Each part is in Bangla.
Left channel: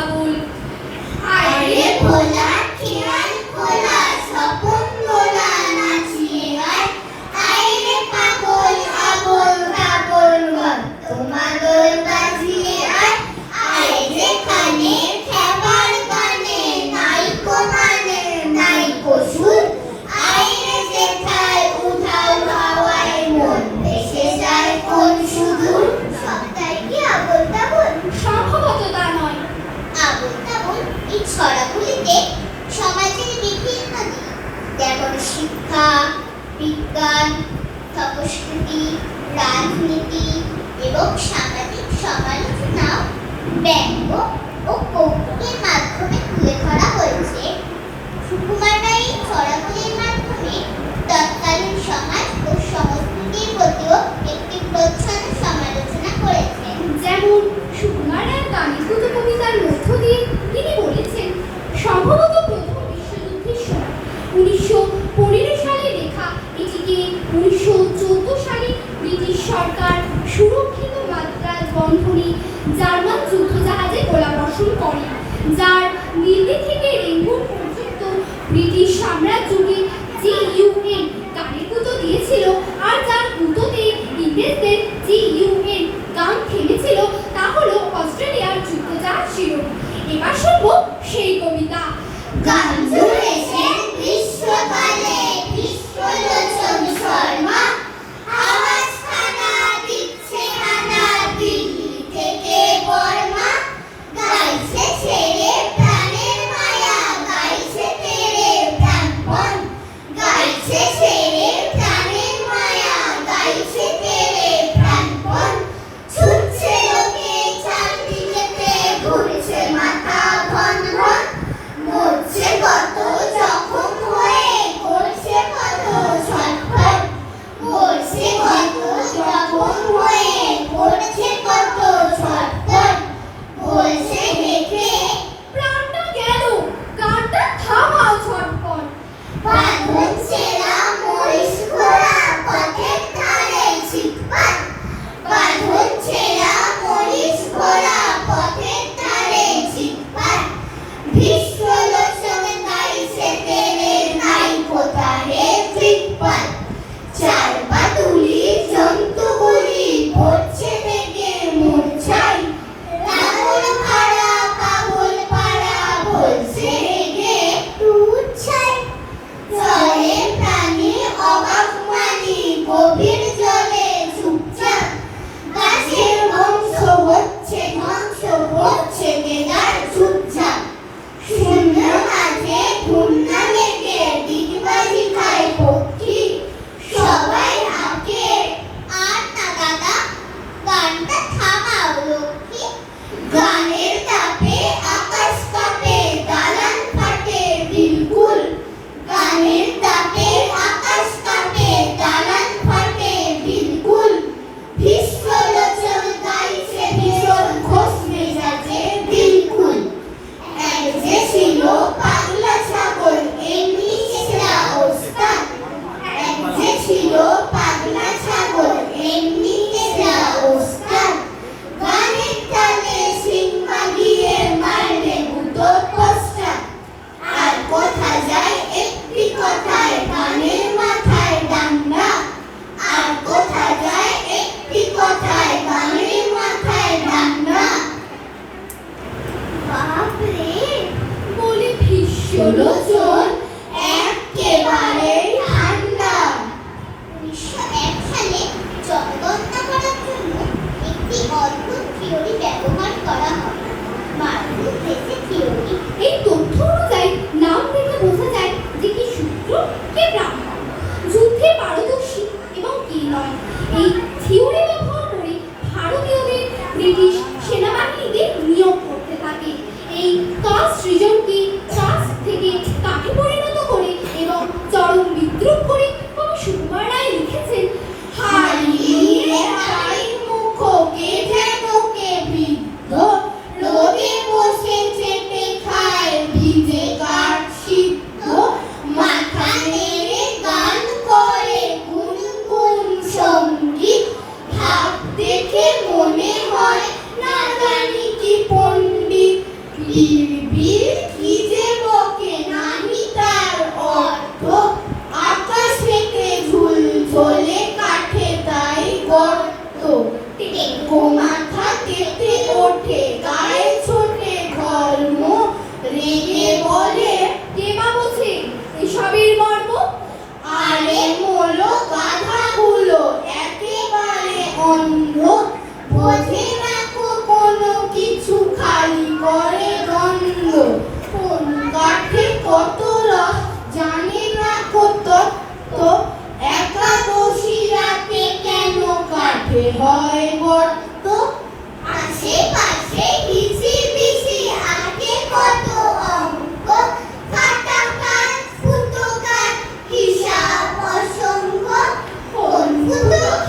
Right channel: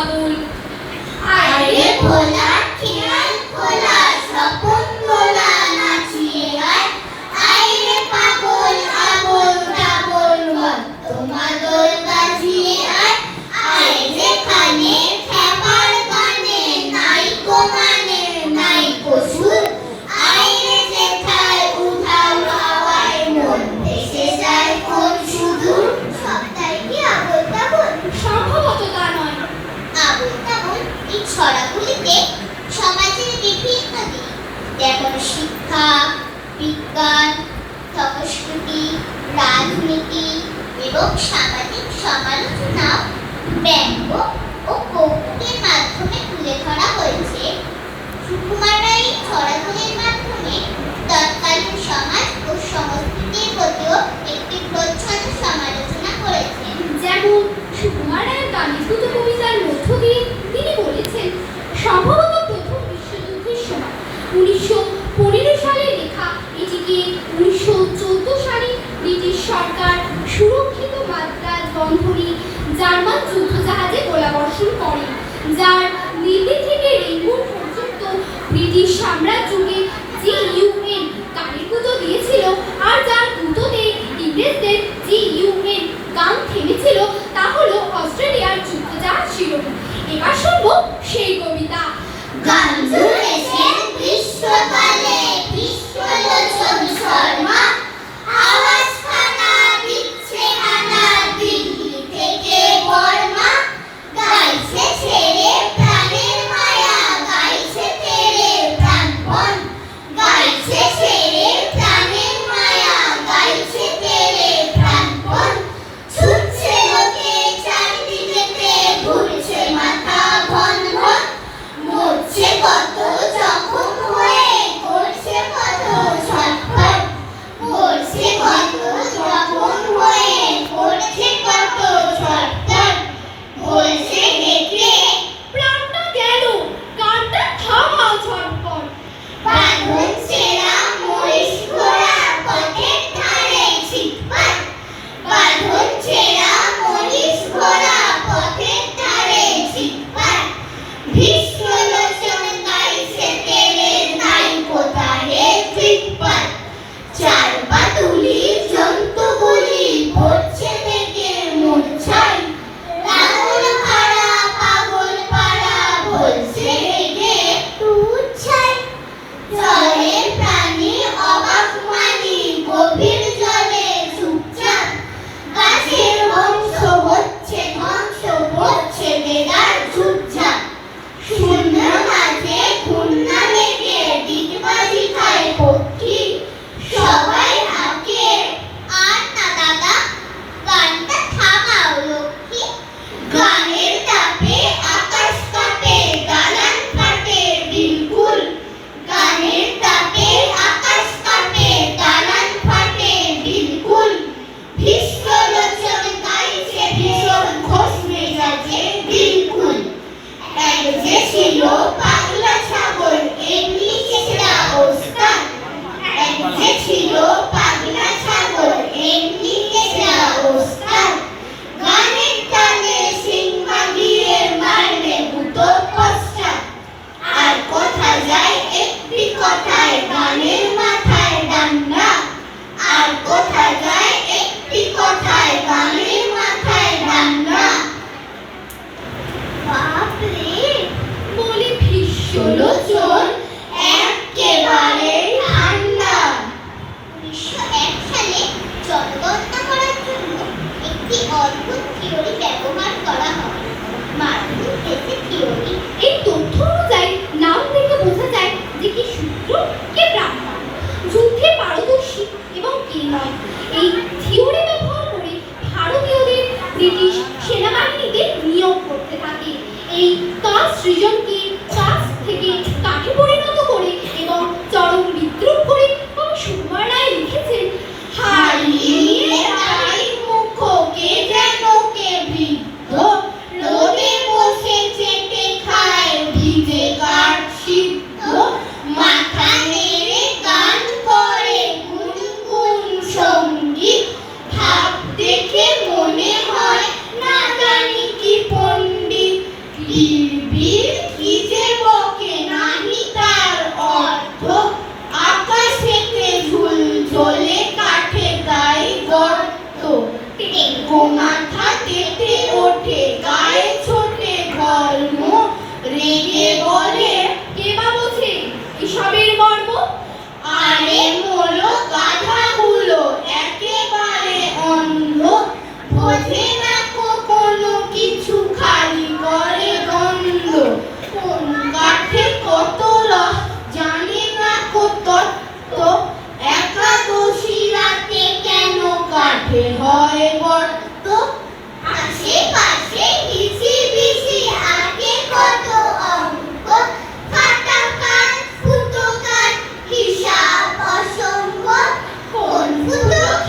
পাগল। আরে ভোলা খেয়াল খোলা স্বপন গোলা নাচিয়ে আয়, আইরে পাগল আবল তাবল মাদল বাজিয়ে আয়, আইরে কানে খেবার গানে নাইকো মানে নাইকো সুর, আইরে যেথায় উধাও হাওয়ায় মন ভেসে যায় কোন সুদূর। সবটাই কি আবল তাবল? সম্ভবত তা নয়। আবল তাবল এই ছড়াগুলিতে সমাজের বিভিন্ন দিক যেমন শিক্ষা, বিজ্ঞান, সংস্কৃতি, রাজনীতি এবং সামাজিক সমালোচনাও ব্যঙ্গ ও কৌতুকের মাধ্যমে তুলে ধরা হয়েছে। সুকুমাররা এই ছড়াগুলির মাধ্যমে তৎকালীন সমাজ ও সংস্কৃতির প্রতিও একটি প্রচ্ছন্ন সমালোচনা করেছেন। যেমন সুকুমার রায়ের গালিপুত কবিতার মধ্য দিয়ে তিনি বলেছেন, সম্ভবত প্রথম বিশ্বযুদ্ধের সময় 1915 সালে লেখা এটিকে 1914 সালে ব্রিটিশ সরকার সুরক্ষিত মাদ্রাজ বন্ধনী জার্মান যুদ্ধজাহাজে গোলাবর্ষণ করে, যার দিল্লি থেকে রেঙ্গুন পর্যন্ত ব্রিটিশ সাম্রাজ্যকে যে ইউএন গানের গুঁতো দিয়েছিল আর যার গুঁতোতে ইংরেজদের যে ইউএন গান থেমেছিল তা হলো অস্ট্রেলিয়ার যুদ্ধজাহাজ শিরোমণি। এবার শুনবো সেই কবিতা। গান জুড়েছেন গ্রীষ্মকালে গ্রীষ্মলোচন শর্মা, আওয়াজখানা দিচ্ছে হানা দিল্লি থেকে বর্মা, গাইছে ছেড়ে প্রাণের মায়া গাইছে তেরে প্রাণপণ, গাইছে ছেড়ে প্রাণের মায়া গাইছে তেরে প্রাণপণ, ছুটছে লোকে চারদিকেতে ঘুরছে মাথা ঘন ঘন, মরছে কত জখম হয়ে করছে কত ছটফট, মরছে কত জখম হয়ে করছে কত ছটফট, বলছে হেঁটে প্রাণটা গেল, গানটা থামাও ঝটপট। বাঁধন ছেঁড়া মহিষ ঘোড়া পথের ধারে ছিটপাট, বাঁধন ছেঁড়া মহিষ ঘোড়া পথের ধারে ছিটপাট, ভীষ্মলোচন গাইছে তেরে নাই কোথাহে ফিটপাট, চার পা তুলি জন্তুগুলি পড়ছে থেকে মূর্ছায়, পাগল পাড়া পাগল পাড়া বলছে হেগে উচ্ছায়, জলে প্রাণী অবাক মানি গভীর জলে চুপচাপ, গাছের বংশ হচ্ছে ধ্বংস হচ্ছে বেদার চুপচাপ, শূন্য মাঝে ঘূর্ণা লেগে ডিগবাজি খায় পক্ষী, সবাই হাঁকে আর না দাদা গানটা থামাও লক্ষ্মী, গানের তাপে আকাশ কাঁপে দালান ফাটে বিলকুল, গানের তাপে আকাশ কাঁপে দালান ফাটে বিলকুল, ভীষ্মলোচন গাইছে ভীষণ ঘোষ মেজাজে বিলকুল, এক যে ছিল পাগলা ছাগল এমনি চেঁচড়া ওস্তাদ, এক যে ছিল পাগলা ছাগল এমনি চেঁচড়া ওস্তাদ, গানের তালে সিংমা দিয়ে মারলে গুঁতো পশ্চাৎ, আর কোথা যায় একটি কথায় গানের মাথায় ডান্ডা, আর কোথা যায় একটি কথায় গানের মাথায় ডান্ডা। বাপরে বলে ভীষ্মলোচন একেবারে ঠান্ডা। 1901 সালে চটদণ্ড করার জন্য একটি অদ্ভুত থিওরি ব্যবহার করা হয়, মার্টিন হেসে থিওরি। এই তথ্য অনুযায়ী নাম দেখে বোঝা যায় যে কি শূদ্র কে ব্রাহ্মণ, যুদ্ধে পারদর্শী এবং কে নয়। এই থিওরি ব্যবহার করে ভারতীয়দের ব্রিটিশ সেনাবাহিনীতে নিয়োগ করতে থাকে। এই কাস্ট সৃজনকে কাস্ট থেকে কাঠে পরিণত করে এবং চরম বিদ্রুপ করে কবি সুকুমার রায় লিখেছেন, হারিয়ে তাই মুখকে যেন কে বৃদ্ধ রোদে বসে চেপে খা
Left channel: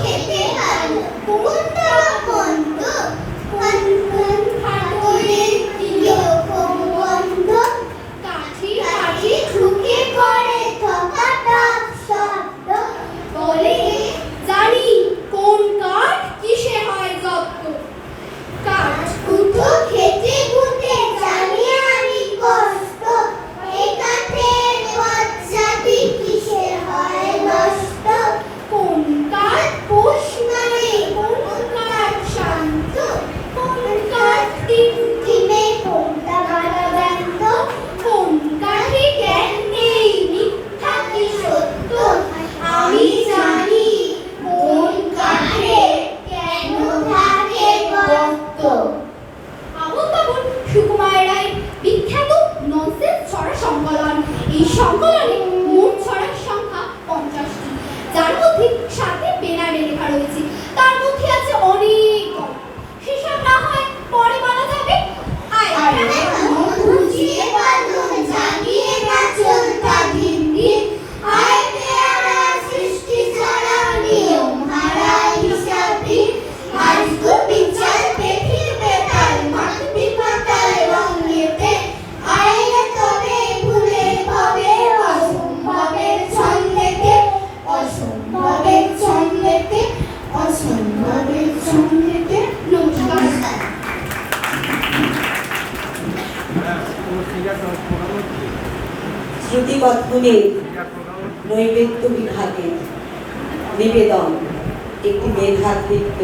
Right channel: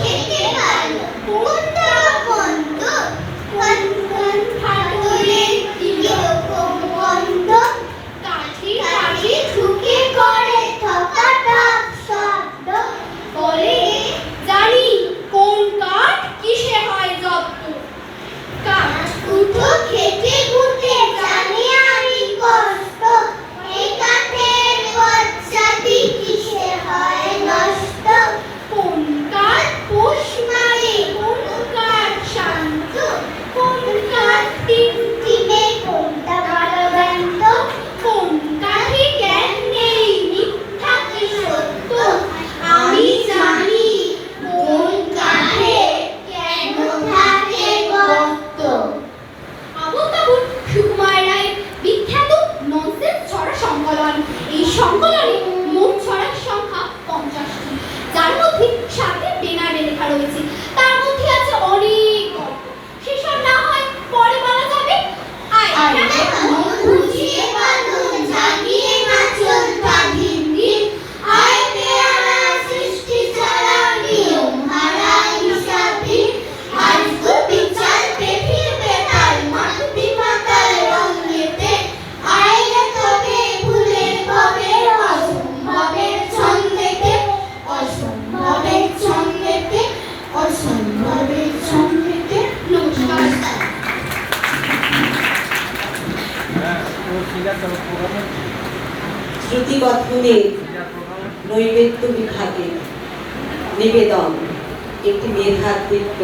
খেতে ভালো কোনটা বন্ধ কান কান ফাটলে কিরকম গন্ধ কাঠি কাঠি ঠুকে করে থকা টক শব্দ বলে জানি কোন কাঠ কিসে হয় যত্ন। কাঠ উঠো খেতে খুঁটে জানি আমি কষ্ট এ কাঠের বজ্জাতি কিসে হয় নষ্ট কোন কাঠ পোষ মারে কোন কাঠ শান্ত কোন কাঠ তিন টিমে কোনটা ভালো ব্যন্ত কোন কাঠে জ্ঞান নেই মিথ্যা কি সত্য। আমি জানি কোন কাঠে কেন থাকে গর্ত আবুল তাবুল সুকুমার রায়ের বিখ্যাত ননসেন্স ছড়া সংকলন। এই সংকলনে মোট ছড়ার সংখ্যা 50টি, যার মধ্যে 7টি বেনামে লেখা রয়েছে। তার মধ্যে আছে অনেক গল্প, সেসব না হয় পরে বলা যাবে। আয় মন খুঁজিয়ে বাঁধন জাগিয়ে নাচলটা দিন দিন আয় পেয়ারা সৃষ্টি ছাড়া নিয়ম হারা হিসাবি আজগো বিচার পেফির বেতাল মাতবি পাতাল রঙেতে আইলে তবে ভুলে হবে অসম্ভবের ছন্দেতে অসম্ভবের ছন্দেতে অসম্ভবের ছন্দেতে নমস্কার। শ্রুতিকথনের নৈবেদ্য বিভাগে নিবেদন একটি মেধাকৃত